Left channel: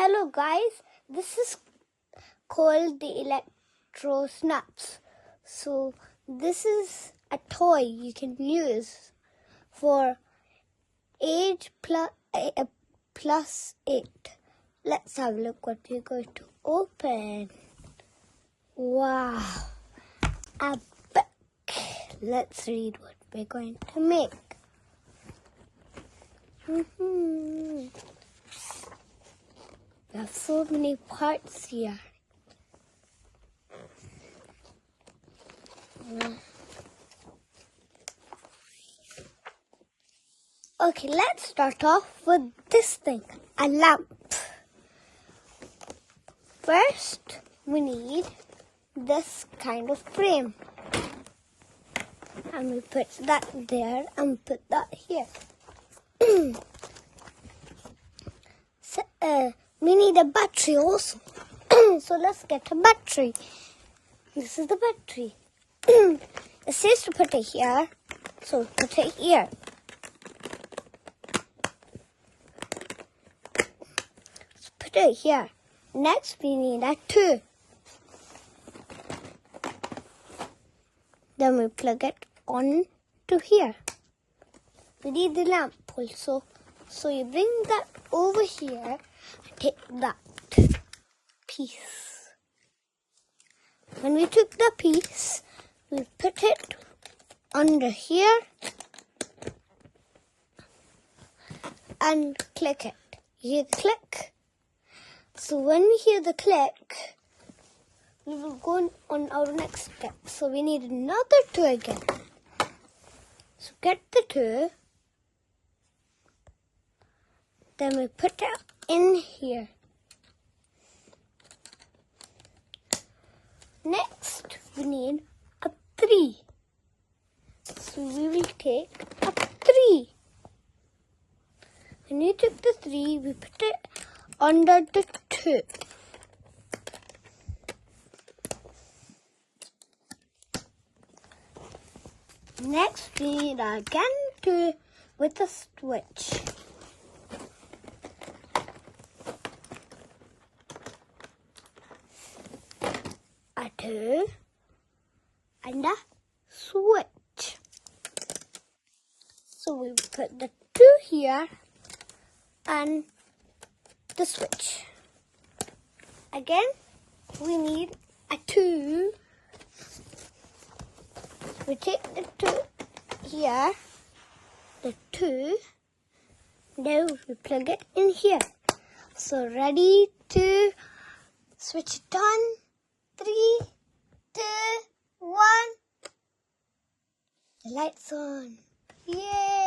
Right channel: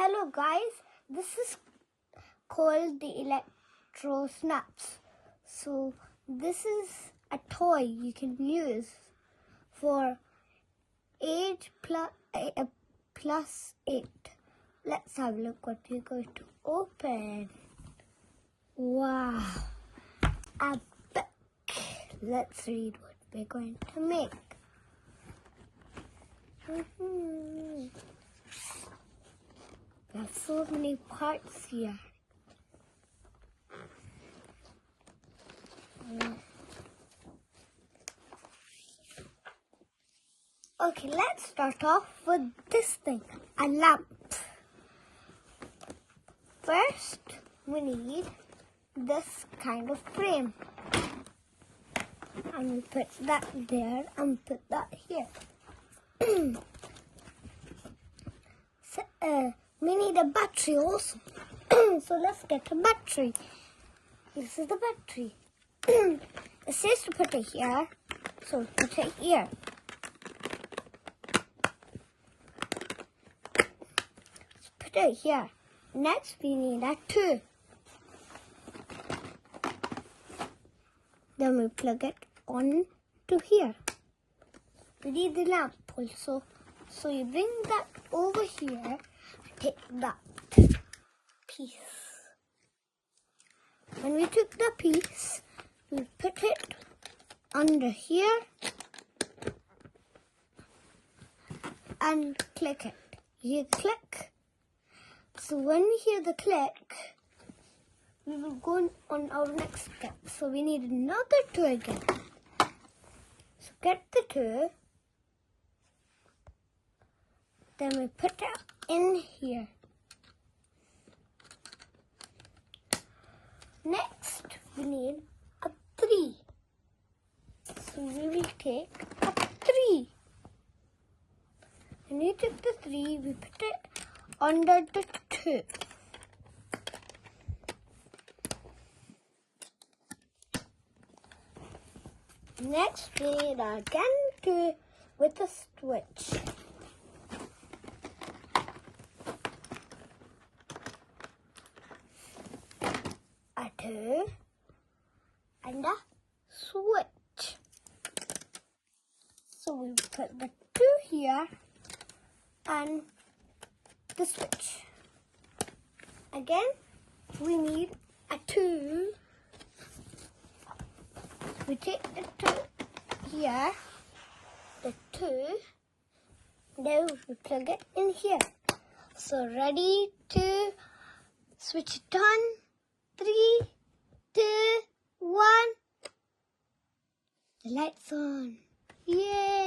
Hello guys, this is called the Electro Snaps. So this is a toy you can use for age plus 8. Let's have a look what we're going to open. Wow, a book. Let's read what we're going to make. There are so many parts here. Okay, let's start off with this thing, a lamp. First, we need this kind of frame. And we put that there and put that here. We need a battery also. So let's get a battery. This is the battery. It says to put it here, so put it here. Let's put it here. Next, we need a 2. Then we plug it on to here. We need the lamp also. So you bring that over here and take that piece. When we took the piece, we put it under here and click it. You click. So when we hear the click, we will go on our next step. So we need another 2 again. So get the 2. Then we put it in here. Next, we need a 3. So we will take a 3. When we took the 3, we put it under the 2. Next, we need again 2 with a switch. A 2 and a switch. So we put the 2 here and the switch. Again, we need a 2. We take the 2 here, the 2, now we plug it in here. So ready to switch it on. 3, 2, 1. The light's on. Yay!